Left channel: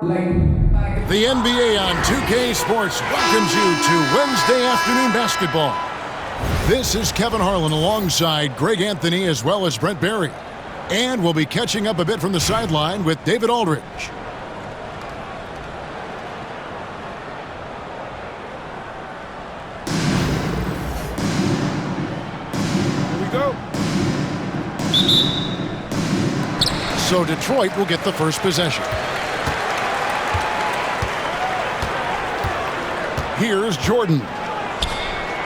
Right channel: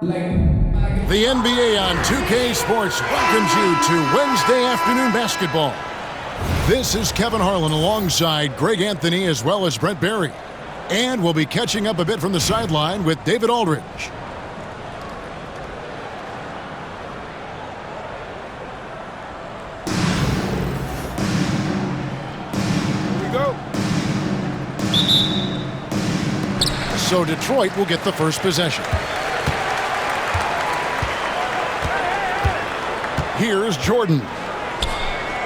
The NBA on 2K Sports welcomes you to Wednesday afternoon basketball. This is Kevin Harlan alongside Greg Anthony as well as Brent Barry. And we'll be catching up a bit from the sideline with David Aldridge. Here we go. So Detroit will get the first possession. Here's Jordan.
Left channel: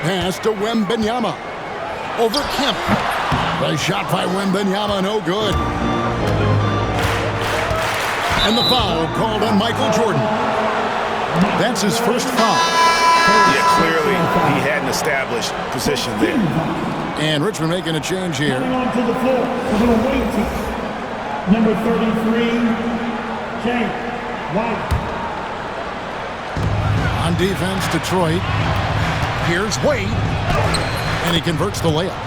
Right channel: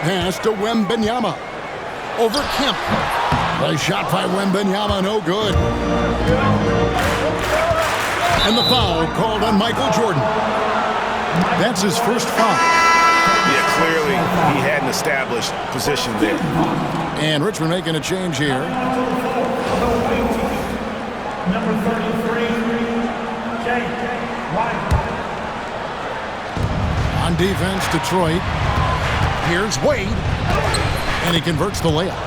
Pass to Wembanyama. Over Kemp. The shot by Wembanyama, no good. And the foul called on Michael Jordan. That's his first foul. Yeah, clearly he had an established position there. And Richmond making a change here. Number 33, Jake White. On defense, Detroit. Here's Wade. And he converts the layup.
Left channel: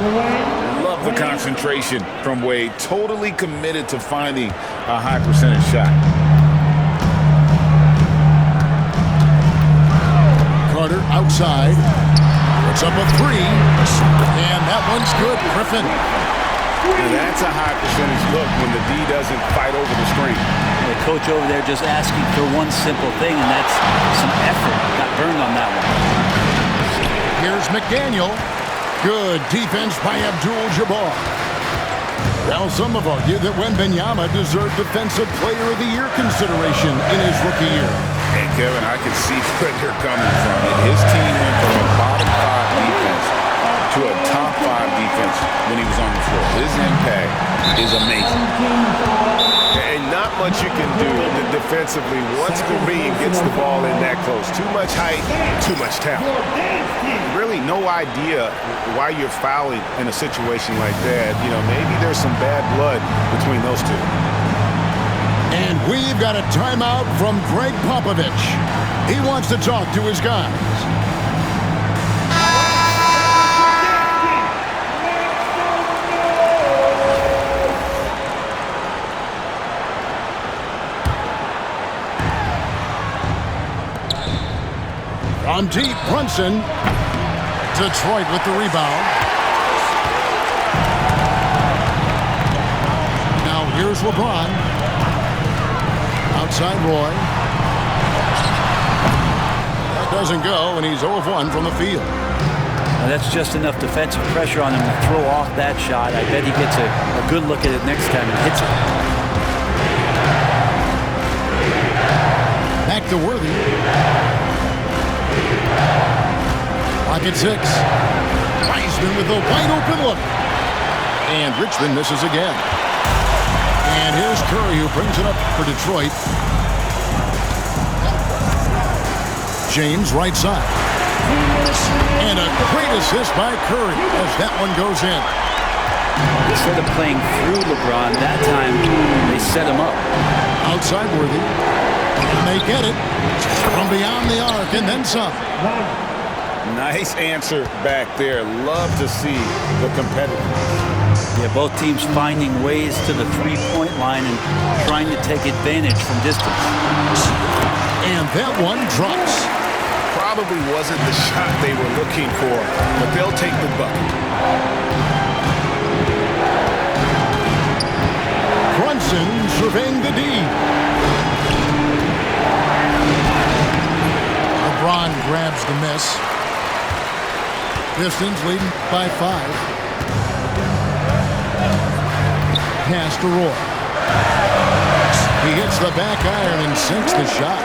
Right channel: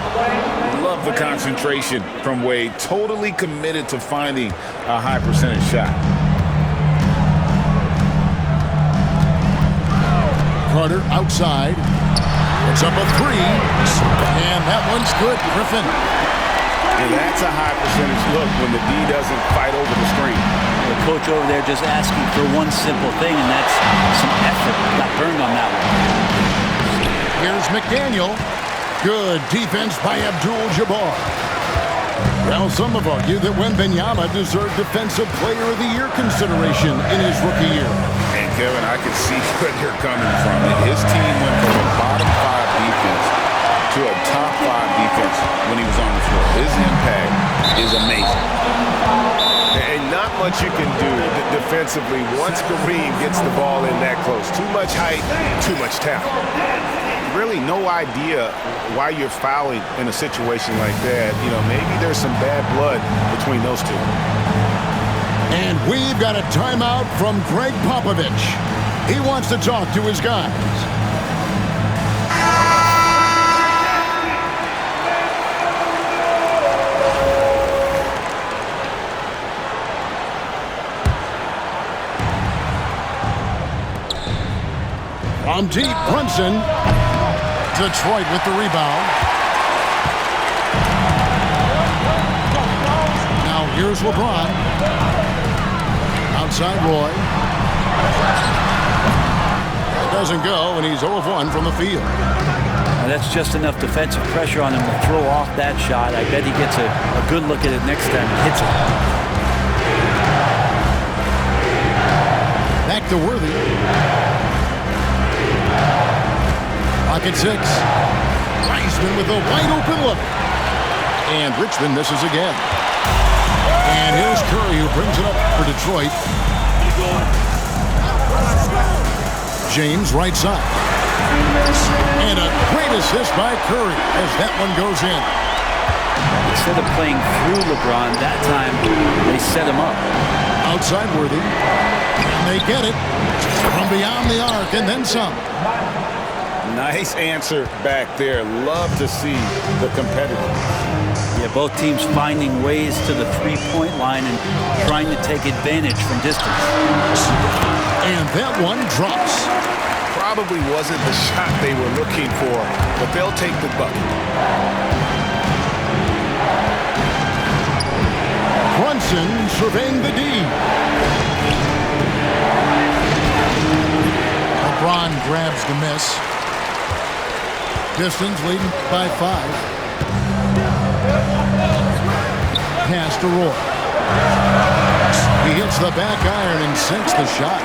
Love the concentration from Wade. Totally committed to finding a high percentage shot. Carter outside. Puts up a three. And that one's good. Griffin. And that's a high percentage look when the D doesn't fight over the screen. The coach over there just asking for one simple thing, and that's some effort. Got burned on that one. Here's McDaniel. Good defense by Abdul-Jabbar. Well, some have argued that Wembanyama deserved Defensive Player of the Year consideration in his rookie year. And Kevin, I can see where they're coming from. His team went from a bottom five defense to a top five defense when he was on the floor. His impact is amazing. And not much you can do defensively once Kareem gets the ball in that close. Too much height, too much talent. Really no idea why you're fouling in a situation like that. You know, maybe there's some bad blood between those two. And we've got a timeout from Greg Popovich. He wants to talk to his guys. From deep, Brunson. Detroit with the rebound. Now here's LeBron. Outside Roy. That doesn't go, and he's 0 of 1 from the field. Now that's just enough defensive pressure on him to throw off that shot. I bet he gets a good look at it next time and hits it. Back to Worthy. Pocket 6. Wiseman with a wide open look. And Richmond misses again. And here's Curry who brings it up for Detroit. James right side. And a great assist by Curry as that one goes in. Instead of playing through LeBron, that time they set him up. Outside Worthy. And they get it from beyond the arc and then some. Nice answer back there. Love to see the competitiveness. Yeah, both teams finding ways to the three-point line and trying to take advantage from distance. And that one drops. Probably wasn't the shot they were looking for, but they'll take the bucket. Brunson surveying the D. LeBron grabs the miss. Pistons leading by 5. Pass to Roy. He hits the back iron and sinks the shot.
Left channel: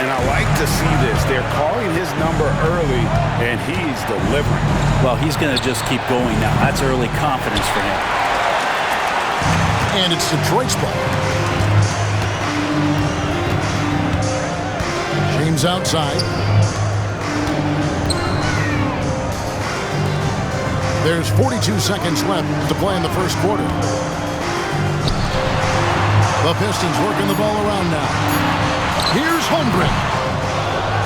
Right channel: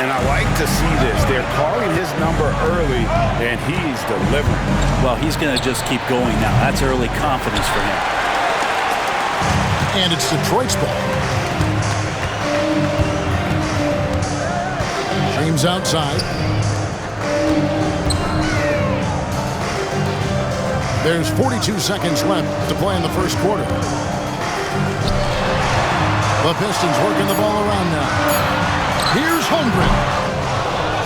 And I like to see this. They're calling his number early, and he's delivering. Well, he's going to just keep going now. That's early confidence for him. And it's Detroit's ball. James outside. There's 42 seconds left to play in the first quarter. The Pistons working the ball around now. Here's Holmgren.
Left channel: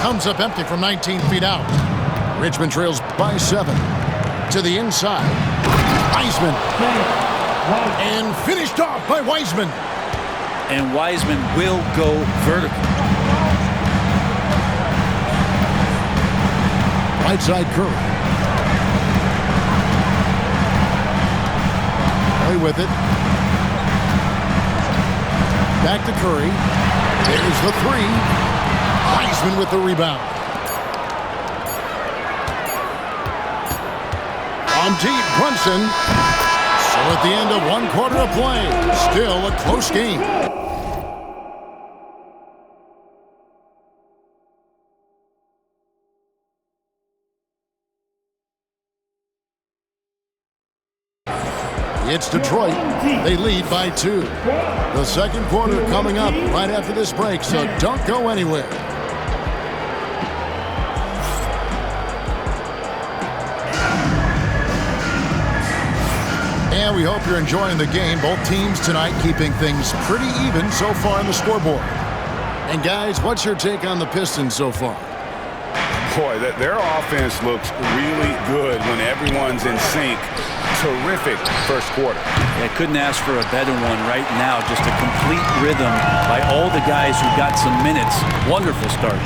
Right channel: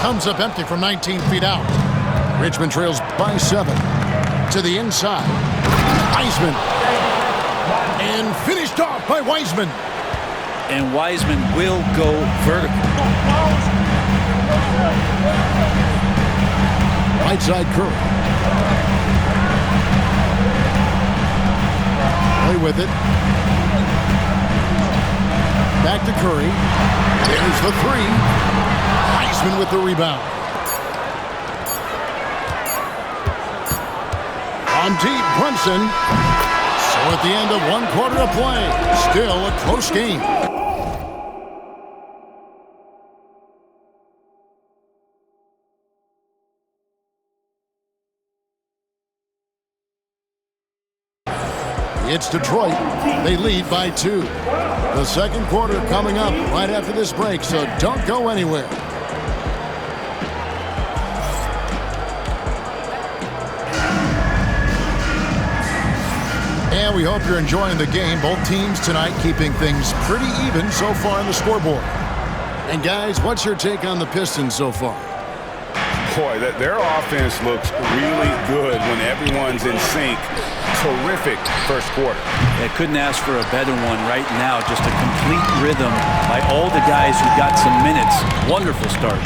Comes up empty from 19 feet out. Richmond trails by 7. To the inside. Wiseman. And finished off by Wiseman. and Wiseman will go vertical. Right side Curry. Play with it. Back to Curry. There's the three. Wiseman with the rebound. On deep, Brunson. So at the end of 1 quarter of play, still a close game. It's Detroit. They lead by 2. The second quarter coming up right after this break, so don't go anywhere. And we hope you're enjoying the game. Both teams tonight keeping things pretty even so far on the scoreboard. And guys, what's your take on the Pistons so far? Boy, their offense looks really good when everyone's in sync. Terrific first quarter. I couldn't ask for a better one right now. Just a complete rhythm by all the guys who got some minutes. Wonderful start.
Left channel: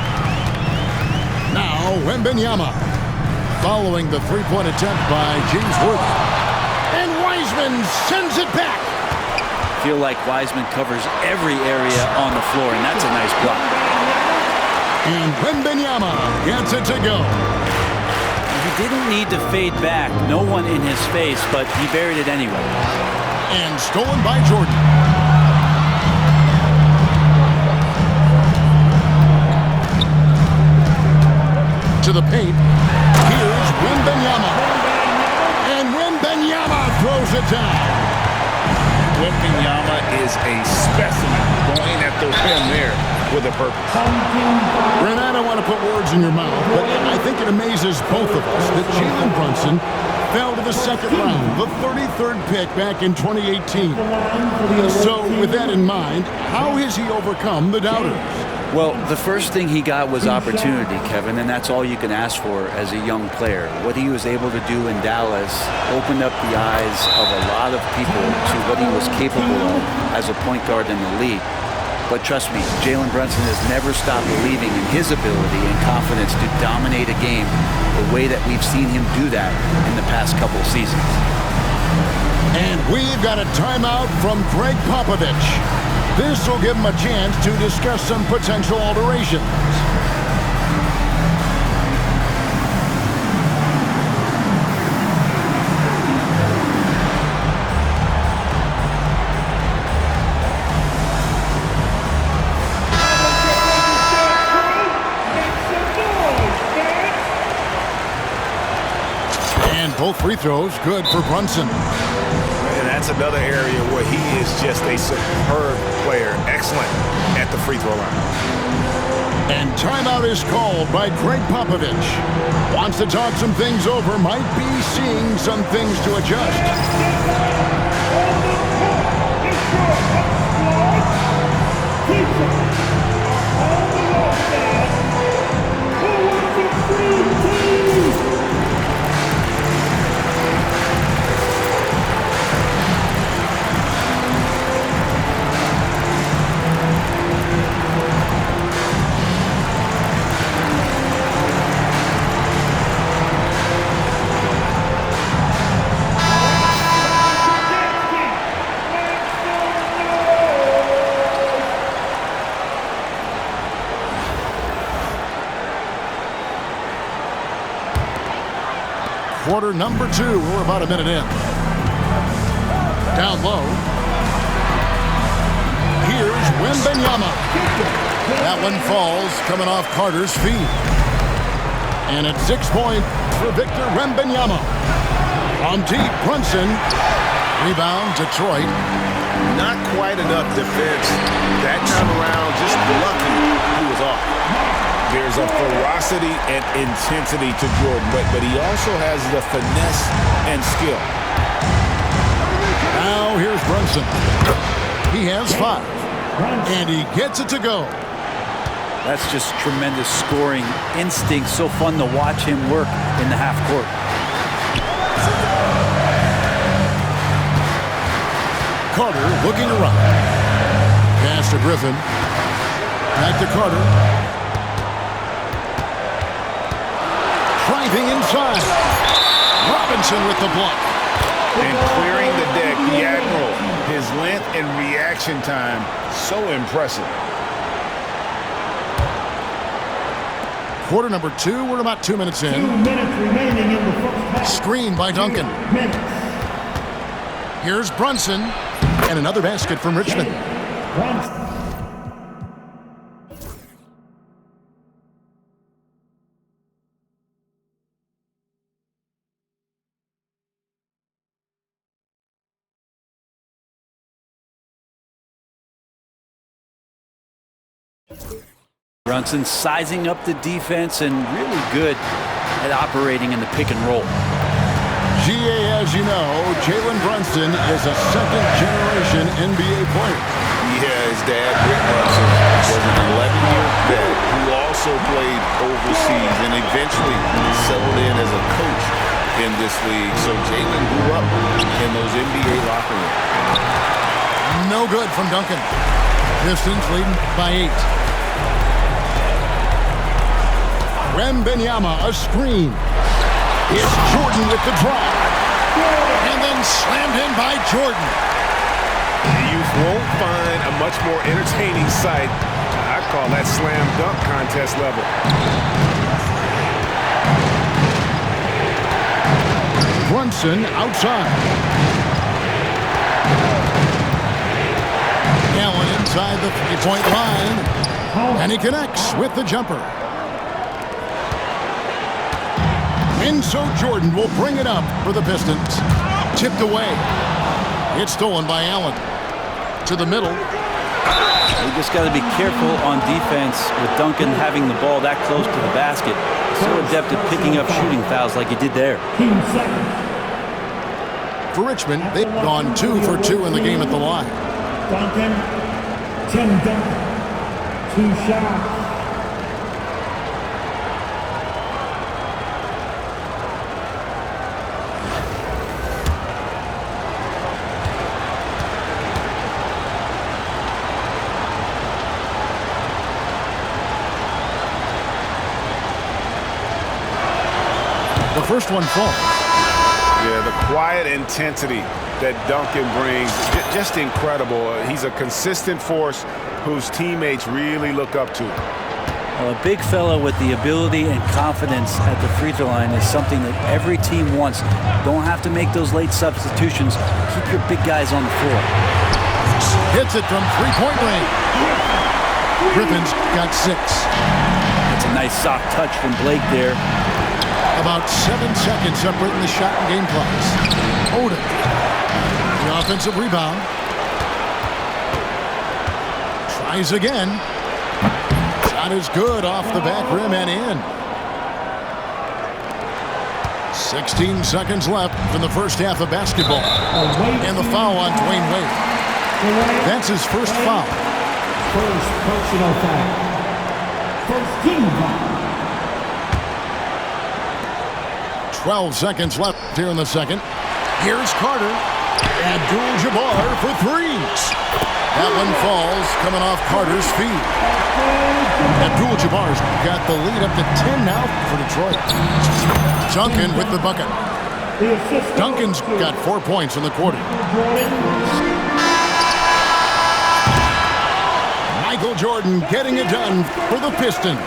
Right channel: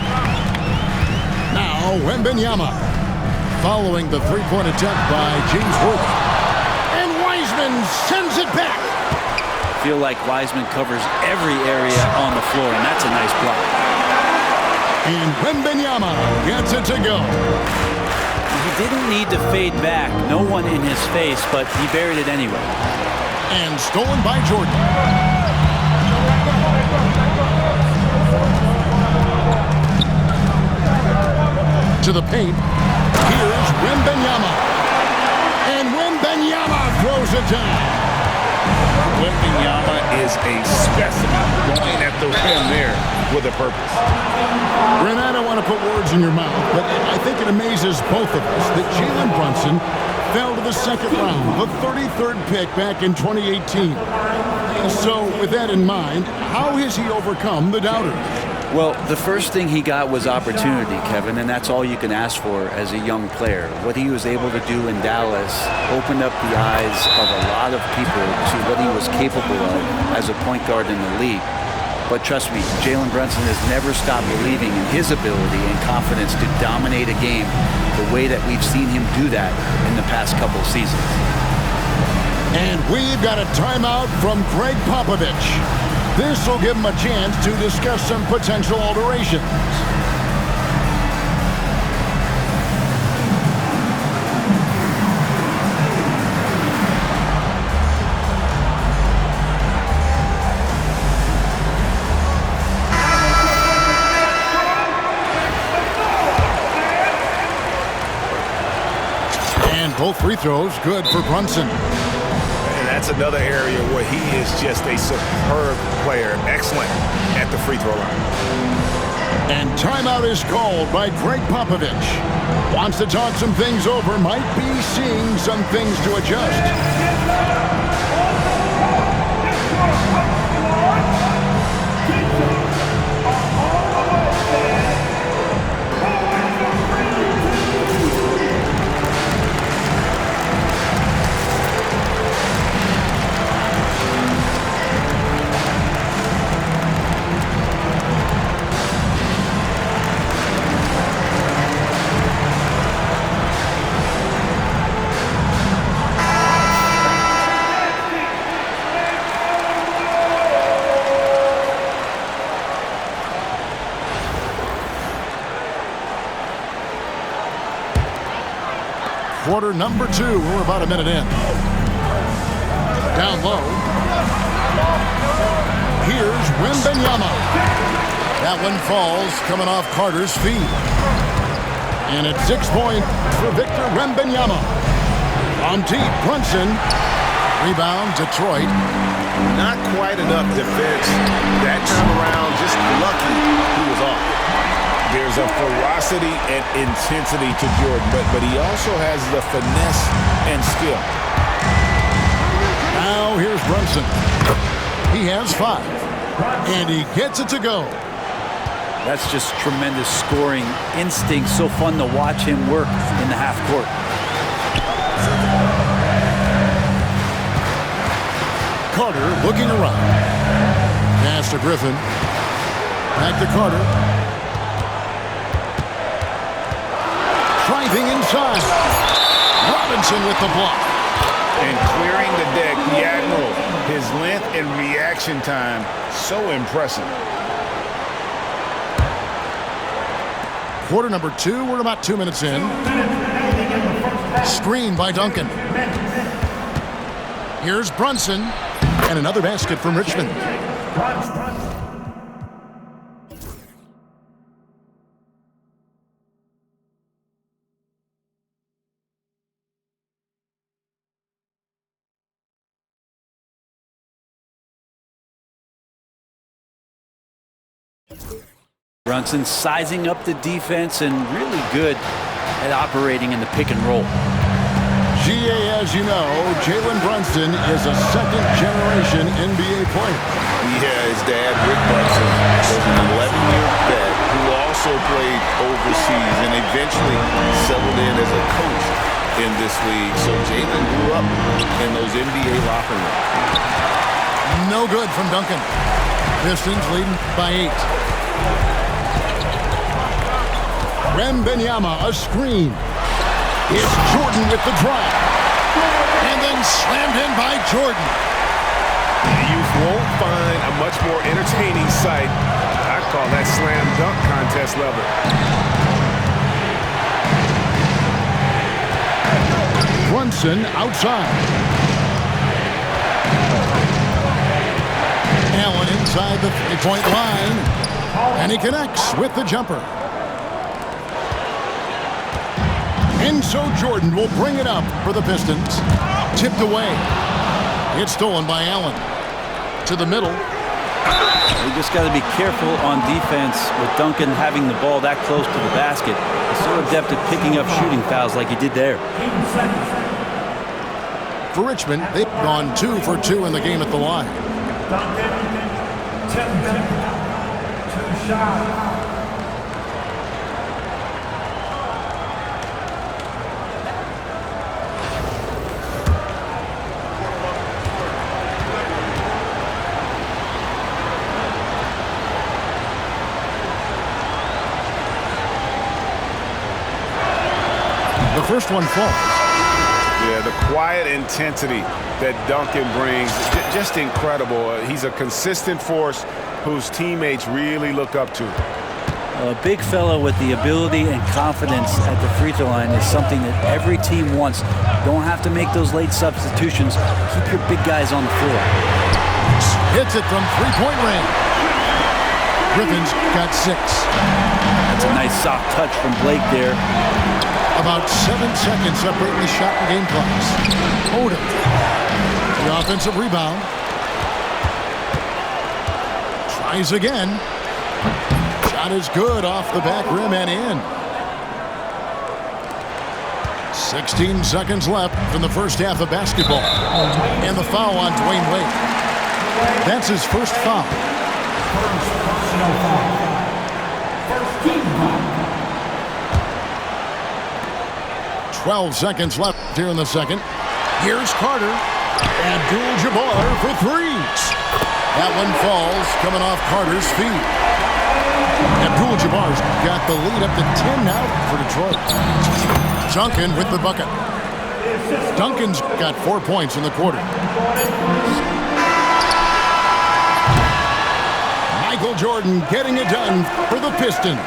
Now, Wembanyama. Following the three-point attempt by James Worthy. And Wiseman sends it back. Feel like Wiseman covers every area on the floor, and that's a nice block. And Wembanyama gets it to go. He didn't need to fade back. No one in his face, but he buried it anyway. And stolen by Jordan. To the paint. Here's Wembanyama. And Wembanyama throws it down. Wembanyama is a specimen going at the rim there with a purpose. Brent, I don't want to put words in your mouth, but I think it amazes both of us that Jalen Brunson fell to the second round, the 33rd pick back in 2018. So with that in mind, how has he overcome the doubters? Well, the first thing he got was opportunity, Kevin, and that's all you can ask for as a young player. What he was able to do in Dallas opened up the eyes of a lot of people to what he was capable of as a point guard in the league. But trust me, Jalen Brunson has never stopped believing in his ability and confidence to dominate a game the way that we've seen him do that in the past couple of seasons. And we've got a timeout from Greg Popovich. This will give him a chance to discuss some potential alterations. And both free throws good for Brunson. And that's another area where he is just a superb player. Excellent at the free throw line. And timeout is called by Greg Popovich. Wants to talk some things over, might be seeing some things to adjust. Quarter number 2. We're about a minute in. Down low. Here's Wembanyama. That one falls coming off Carter's feet. And it's 6 points for Victor Wembanyama. On deep, Brunson. Rebound, Detroit. Not quite enough defense that time around. Just lucky he was off. There's a ferocity and intensity to Jordan, but he also has the finesse and skill. Now here's Brunson. He has 5. And he gets it to go. That's just tremendous scoring instinct. So fun to watch him work in the half court. Carter looking around. Pass to Griffin. Back to Carter. Driving inside. Robinson with the block. And clearing the deck, the Admiral. His length and reaction time, so impressive. Quarter number 2, we're about 2 minutes in. 2 minutes remaining in the first half. Screen by Duncan. Here's Brunson. And another basket from Richmond. Brunson. Brunson sizing up the defense and really good at operating in the pick and roll. GA, as you know, Jalen Brunson is a second-generation NBA player. Yeah, his dad, Rick Brunson, was an 11-year vet who also played overseas and eventually settled in as a coach in this league. So Jalen grew up in those NBA locker rooms. No good from Duncan. Pistons leading by 8. Wembanyama, a screen. It's Jordan with the drive. And then slammed in by Jordan. You won't find a much more entertaining sight. I call that slam dunk contest level. Brunson outside. Allen inside the three-point line. And he connects with the jumper. And so Jordan will bring it up for the Pistons. Tipped away. It's stolen by Allen. To the middle. You just got to be careful on defense with Duncan having the ball that close to the basket. He's so adept at picking up shooting fouls like he did there. For Richmond, they've gone 2 for 2 in the game at the line. Duncan, 10 down. 2 shots. The first one falls. Yeah, the quiet intensity that Duncan brings, just incredible. He's a consistent force whose teammates really look up to. A big fella with the ability and confidence at the free throw line is something that every team wants. Don't have to make those late substitutions. Keep your big guys on the floor. Hits it from three-point range. Griffin's got 6. That's a nice soft touch from Blake there. About 7 seconds separating the shot and game clocks. Odom. The offensive rebound. Tries again. Shot is good off the back rim and in. 16 seconds left in the first half of basketball. And the foul on Dwayne Wade. That's his first foul. First personal foul. First team foul. 12 seconds left here in the second. Here's Carter. Abdul-Jabbar for 3s. That one falls coming off Carter's feet. Abdul-Jabbar's got the lead up to 10 now for Detroit. Duncan with the bucket. Duncan's got 4 points in the quarter. Michael Jordan getting it done for the Pistons.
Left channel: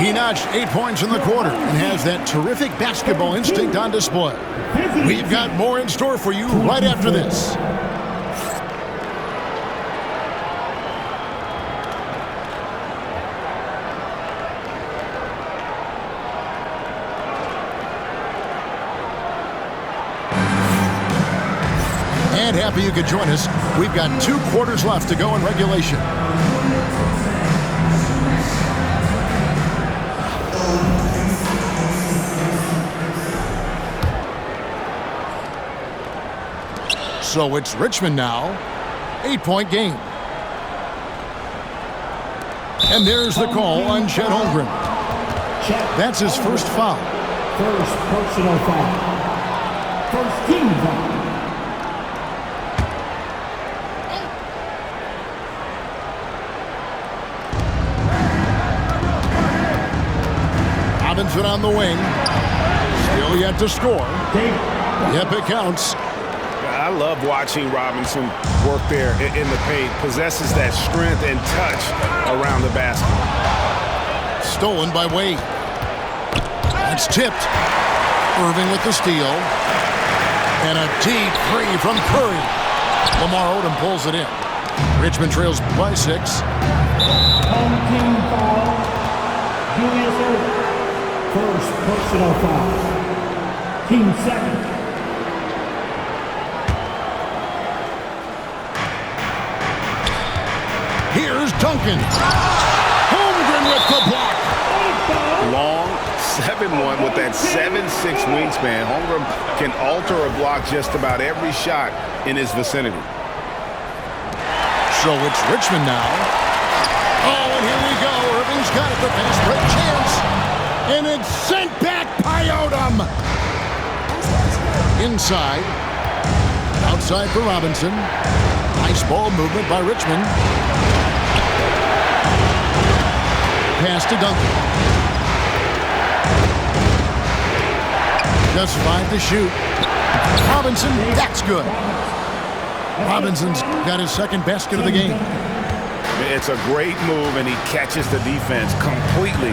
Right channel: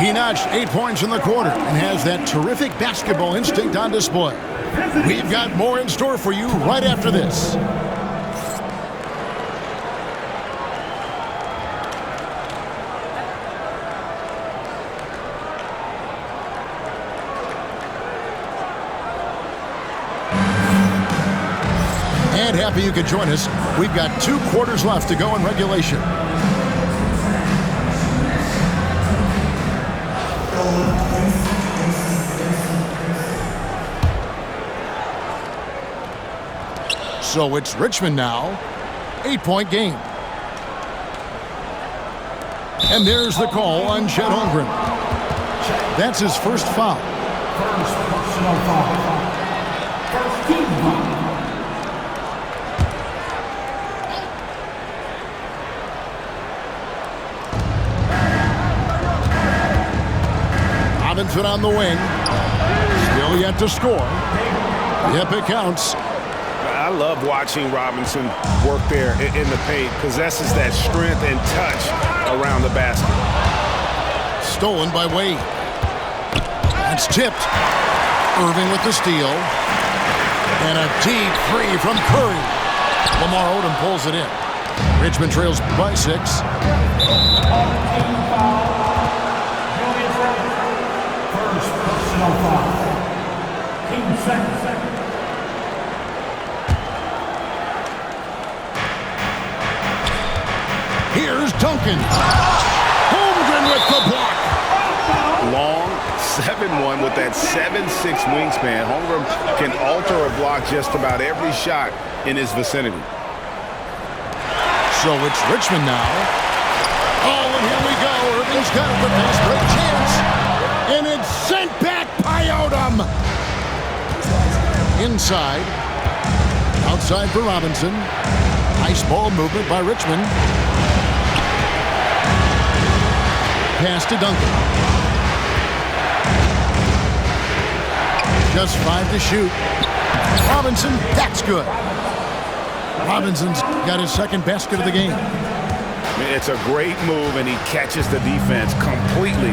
He notched 8 points in the quarter and has that terrific basketball instinct on display. We've got more in store for you right after this. And happy you could join us. We've got 2 quarters left to go in regulation. So it's Richmond now. 8-point game. And there's the call on Chet Holmgren. That's his first foul. First personal foul. First team foul. Robinson on the wing. Still yet to score. Yep, it counts. I love watching Robinson work there in the paint. Possesses that strength and touch around the basket. Stolen by Wade. That's tipped. Irving with the steal. And a deep three from Curry. Lamar Odom pulls it in. Richmond trails by 6. On the team foul, Julius Erving. First personal foul. Team second. Here's Duncan. Holmgren with the block. Long 7'1" with that 7'6" wingspan. Holmgren can alter a block just about every shot in his vicinity. So it's Richmond now. Oh, and here we go. Irving's got it. The fast break chance. And it's sent back by Odom. Inside. Outside for Robinson. Nice ball movement by Richmond. Pass to Duncan. Just 5 to shoot. Robinson, that's good. Robinson's got his second basket of the game. It's a great move, and he catches the defense completely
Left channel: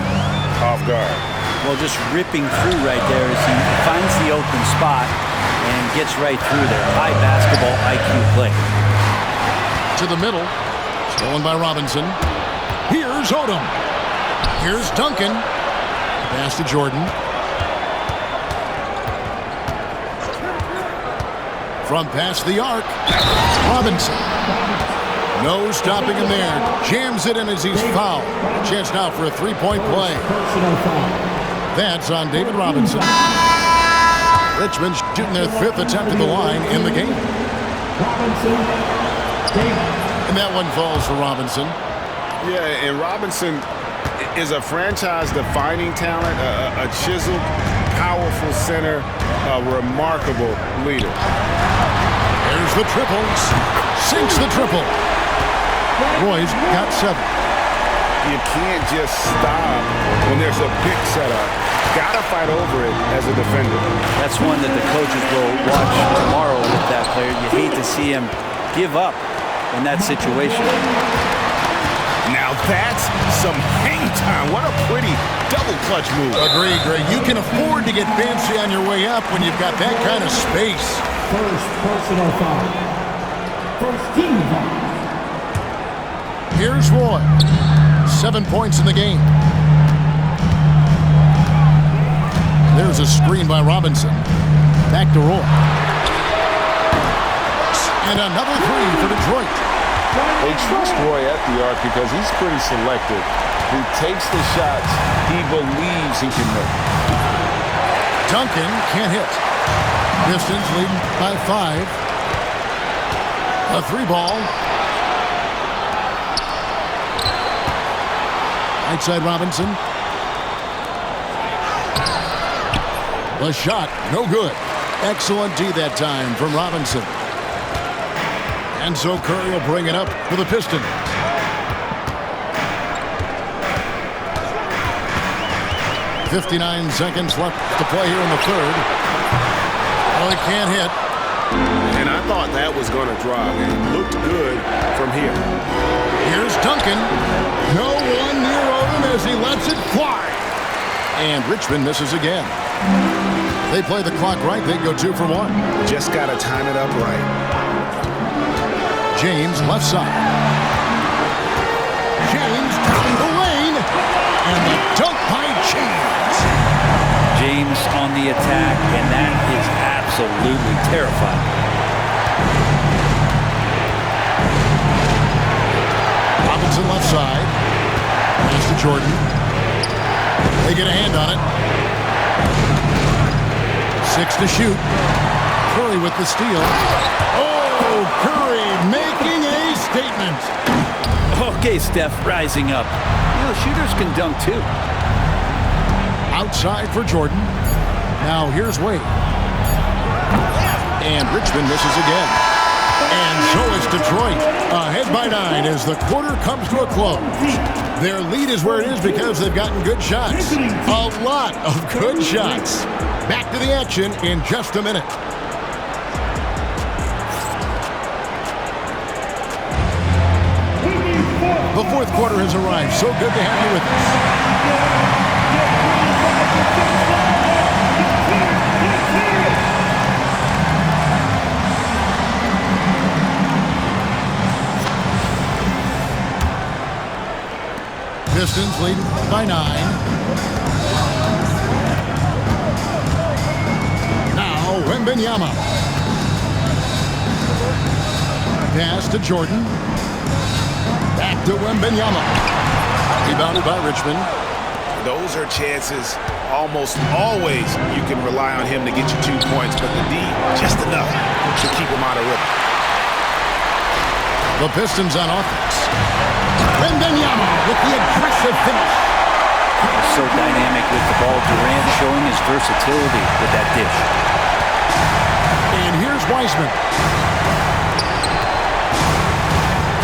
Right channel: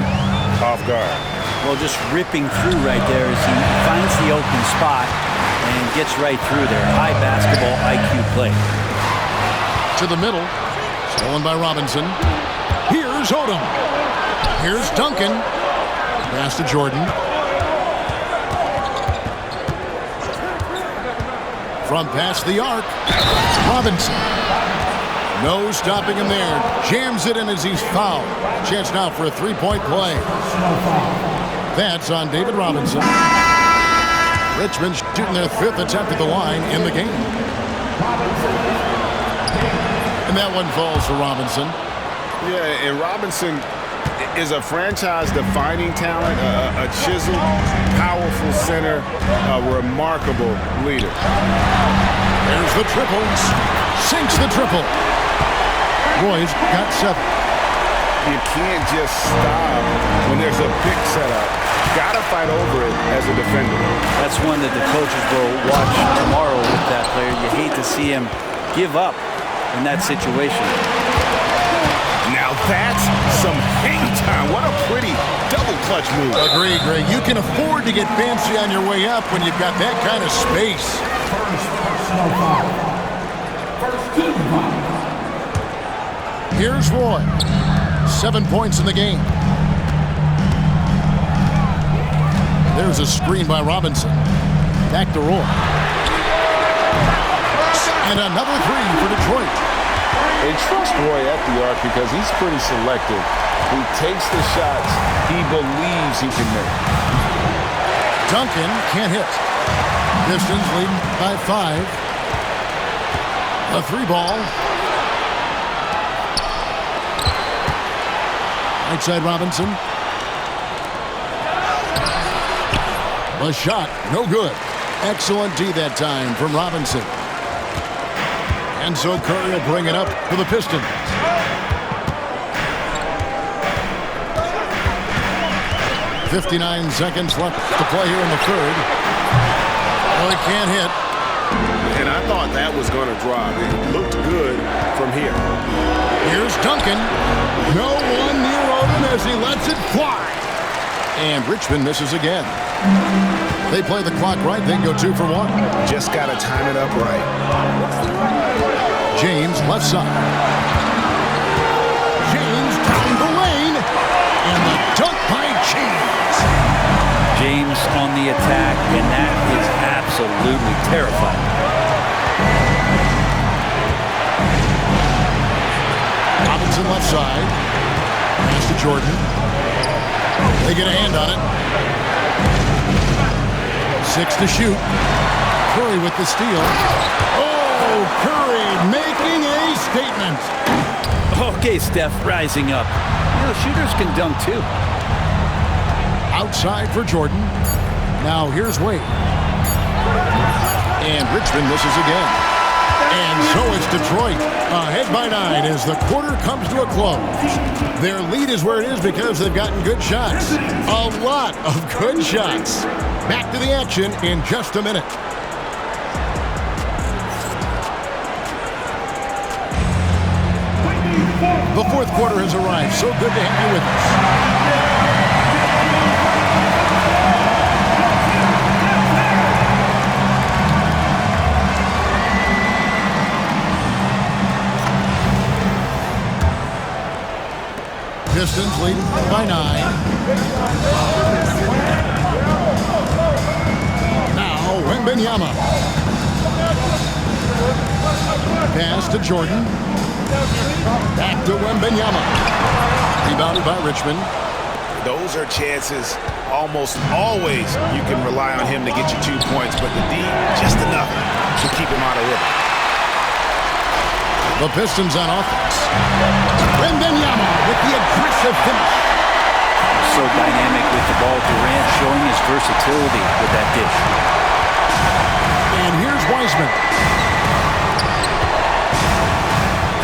off guard. Well, just ripping through right there as he finds the open spot and gets right through there. High basketball IQ play. To the middle. Stolen by Robinson. Here's Odom. Here's Duncan. Pass to Jordan. From past the arc. Robinson. No stopping him there. Jams it in as he's fouled. Chance now for a three-point play. Personal foul. That's on David Robinson. Richmond shooting their 5th attempt at the line in the game. Robinson. And that one falls for Robinson. Yeah, and Robinson is a franchise-defining talent, a chiseled, powerful center, a remarkable leader. There's the triple. Sinks the triple. Roy's got 7. You can't just stop when there's a pick set up. Got to fight over it as a defender. That's one that the coaches will watch tomorrow with that player. You hate to see him give up in that situation. Now that's some hang time. What a pretty double clutch move. Agreed, Greg. You can afford to get fancy on your way up when you've got that kind of space. First personal foul. First team foul. Here's Roy. 7 points in the game. There's a screen by Robinson. Back to Roy. And another 3 for Detroit. They trust Roy at the arc because he's pretty selective. He takes the shots he believes he can make. Duncan can't hit. Pistons leading by 5. A 3 ball. Right side Robinson. The shot, no good. Excellent D that time from Robinson. And so Curry will bring it up for the Pistons. .59 seconds left to play here in the third. Well, he can't hit. And I thought that was going to drop. It looked good from here. Here's Duncan. No one near Odom as he lets it fly. And Richmond misses again. They play the clock right. They go 2 for 1. Just got to time it up right. James left side. James down the lane. And the dunk by James. James on the attack, and that is absolutely terrifying. Robinson left side. Pass to Jordan. They get a hand on it. 6 to shoot. Curry with the steal. Oh, Curry making a statement. Okay, Steph, rising up. You know, shooters can dunk too. Outside for Jordan. Now here's Wade. And Richmond misses again. And so is Detroit, ahead by 9 as the quarter comes to a close. Their lead is where it is because they've gotten good shots. A lot of good shots. Back to the action in just a minute. The fourth quarter has arrived. So good to have you with us. Pistons lead by 9. Now Wembanyama. Pass to Jordan. Back to Wembanyama. Rebounded by Richmond. Those are chances almost always you can rely on him to get you 2 points, but the D just enough to keep him out of rhythm. The Pistons on offense. Wembanyama with the aggressive finish. So dynamic with the ball. Durant showing his versatility with that dish. And here's Wiseman.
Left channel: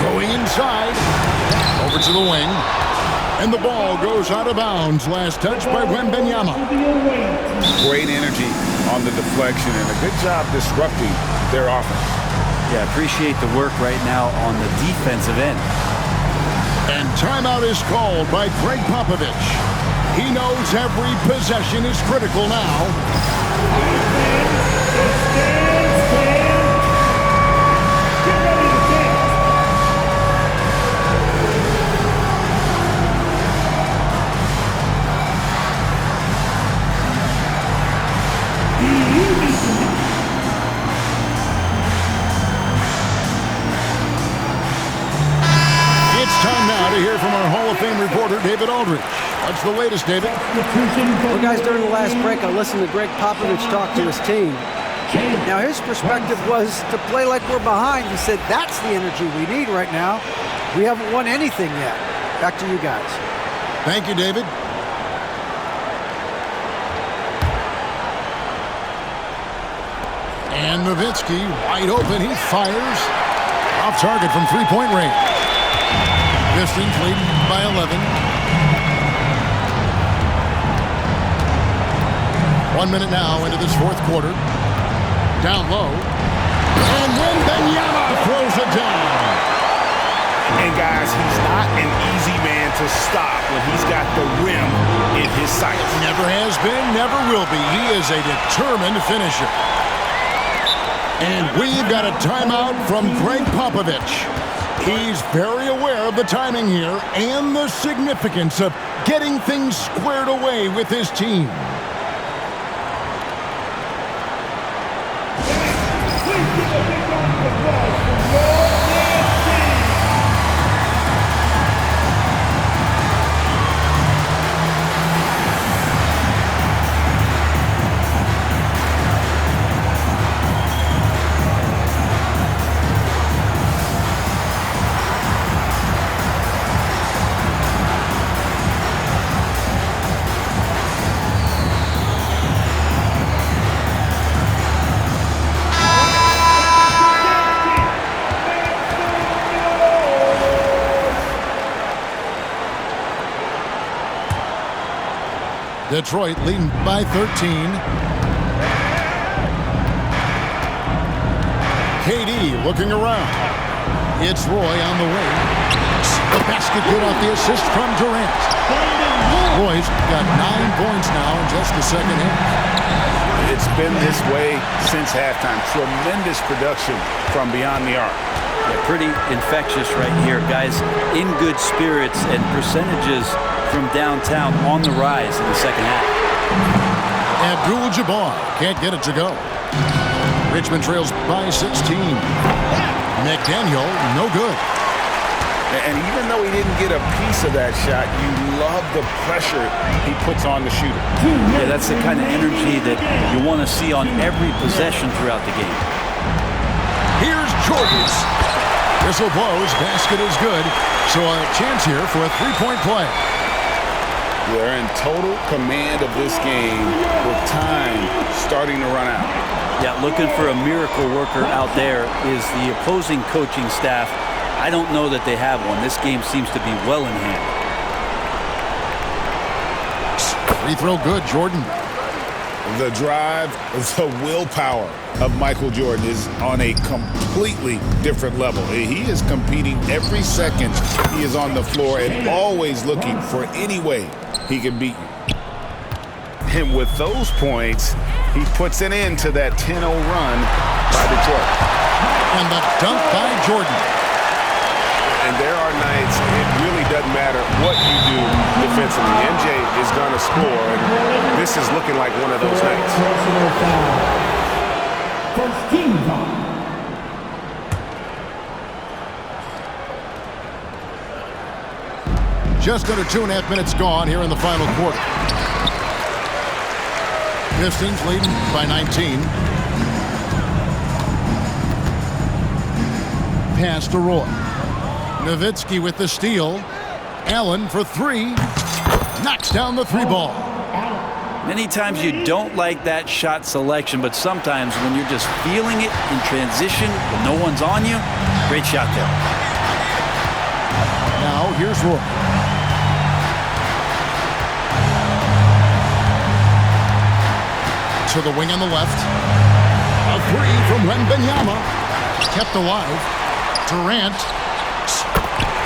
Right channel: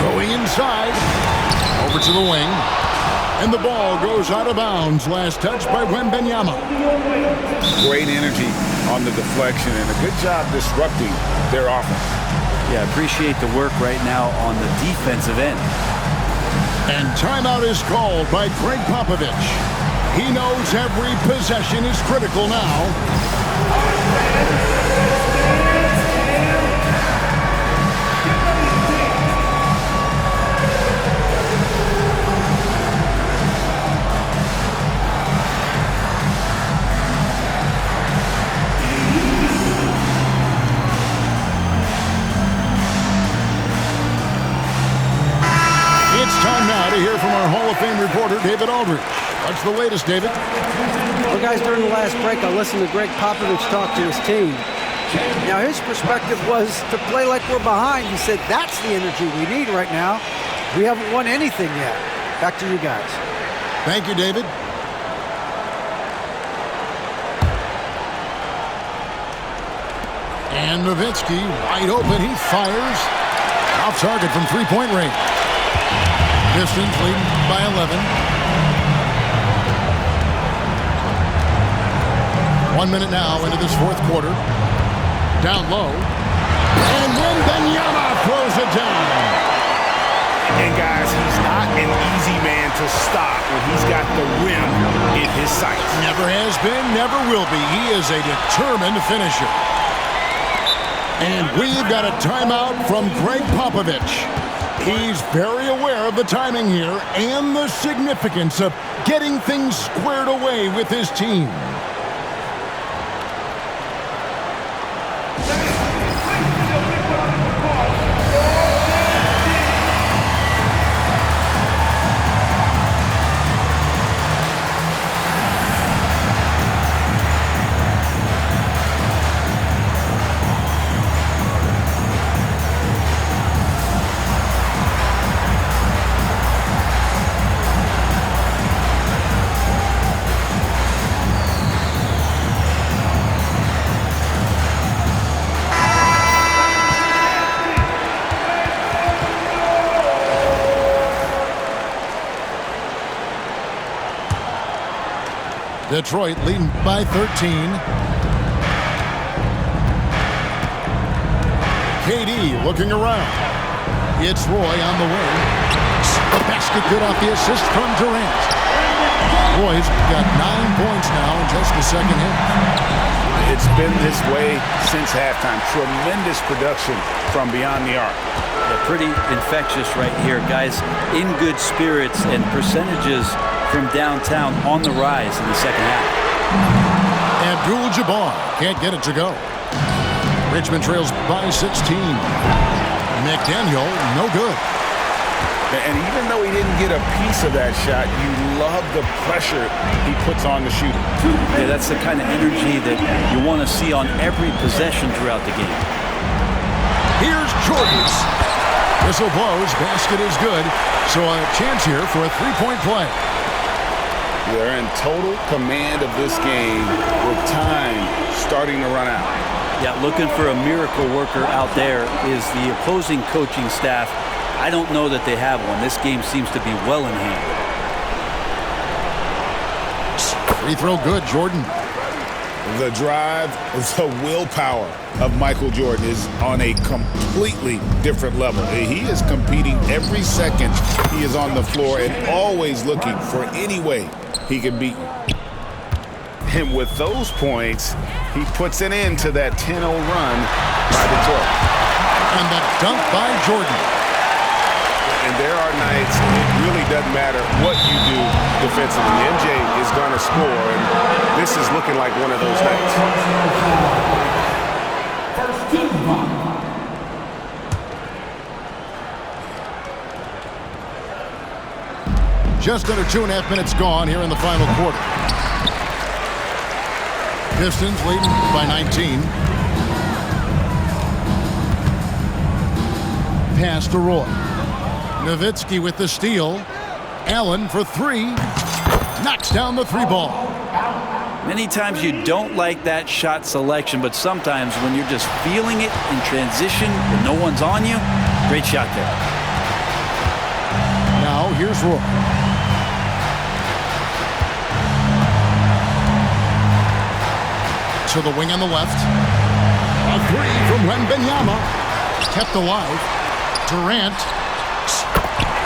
Going inside. Over to the wing. And the ball goes out of bounds. Last touch by Wembanyama. Great energy on the deflection and a good job disrupting their offense. Yeah, appreciate the work right now on the defensive end. And timeout is called by Greg Popovich. He knows every possession is critical now. It's time now to hear from our Hall of Fame reporter, David Aldridge. What's the latest, David? Well, guys, during the last break, I listened to Greg Popovich talk to his team. Now, his perspective was to play like we're behind. He said, that's the energy we need right now. We haven't won anything yet. Back to you guys. Thank you, David. And Nowitzki wide open. He fires. Off target from three-point range. Pistons leading by 11. 1 minute now into this fourth quarter. Down low. And Wembanyama throws it down. And guys, he's not an easy man to stop when he's got the rim in his sights. Never has been, never will be. He is a determined finisher. And we've got a timeout from Greg Popovich. He's very aware of the timing here and the significance of getting things squared away with his team. Detroit leading by 13. KD looking around. It's Roy on the way. The basket good off the assist from Durant. Roy's got 9 points now in just the second half. It's been this way since halftime. Tremendous production from beyond the arc. Yeah, pretty infectious right here, guys. In good spirits and percentages from downtown on the rise in the second half. Abdul-Jabbar can't get it to go. Richmond trails by 16. McDaniel, no good. And even though he didn't get a piece of that shot, you love the pressure he puts on the shooter. Yeah, that's the kind of energy that you want to see on every possession throughout the game. Here's Jordan. Whistle blows, basket is good. So a chance here for a three-point play. They're in total command of this game with time starting to run out. Yeah, looking for a miracle worker out there is the opposing coaching staff. I don't know that they have one. This game seems to be well in hand. Free throw good, Jordan. The drive, the willpower of Michael Jordan is on a completely different level. He is competing every second he is on the floor and always looking for any way he can beat you. And with those points, he puts an end to that 10-0 run by Detroit. And the dunk by Jordan. And there are nights it really doesn't matter what you do defensively. MJ is going to score, and this is looking like one of those nights. Personal foul. First team foul. Just under 2.5 minutes gone here in the final quarter. Pistons leading by 19. Pass to Roy. Nowitzki with the steal. Allen for three. Knocks down the three ball. Many times you don't like that shot selection, but sometimes when you're just feeling it in transition when no one's on you, great shot there. Now here's Roy. To the wing on the left. A three from Wembanyama. Kept alive. Durant.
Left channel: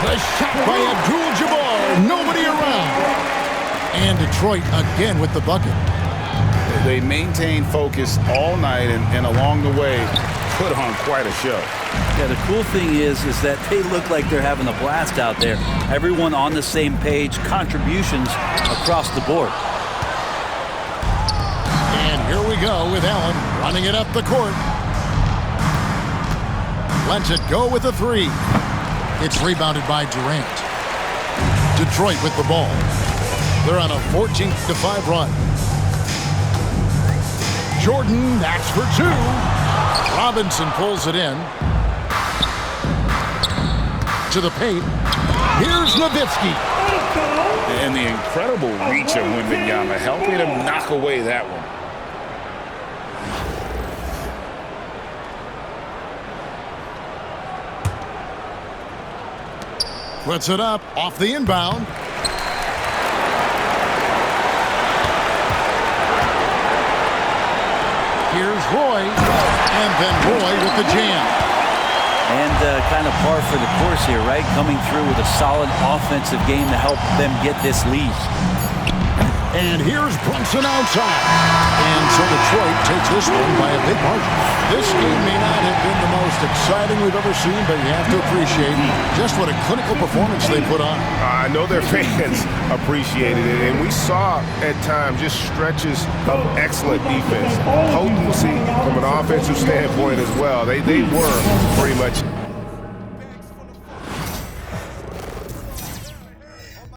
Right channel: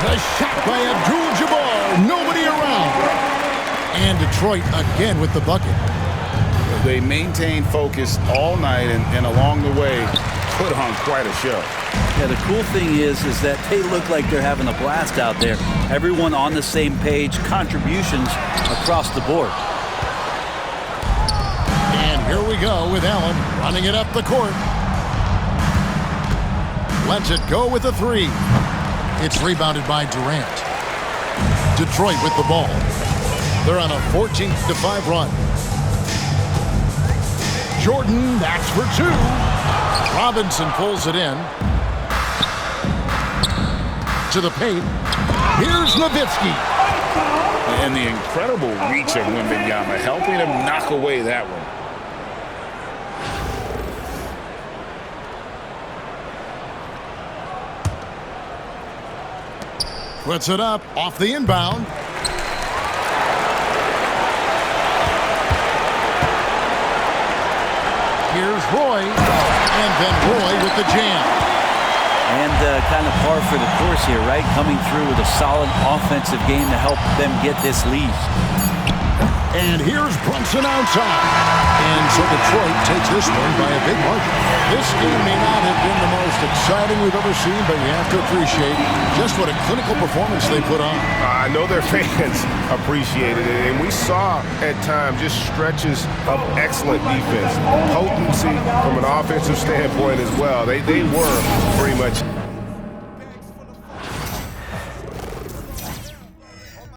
The shot by Abdul-Jabbar. Nobody around. And Detroit again with the bucket. They maintain focus all night and along the way put on quite a show. Yeah, the cool thing is that they look like they're having a blast out there. Everyone on the same page, contributions across the board. And here we go with Allen running it up the court. Lets it go with a three. It's rebounded by Durant. Detroit with the ball. They're on a 14-5 run. Jordan, that's for two. Robinson pulls it in. To the paint. Here's Nowitzki. And the incredible reach of Wembanyama, helping him knock away that one. Puts it up off the inbound. Here's Roy. And then Roy with the jam. And kind of par for the course here, right? Coming through with a solid offensive game to help them get this lead. And here's Brunson outside. And so Detroit takes this one by a big margin. This game may not have been the most exciting we've ever seen, but you have to appreciate just what a clinical performance they put on. I know their fans appreciated it, and we saw at times just stretches of excellent defense. Potency from an offensive standpoint as well. They were pretty much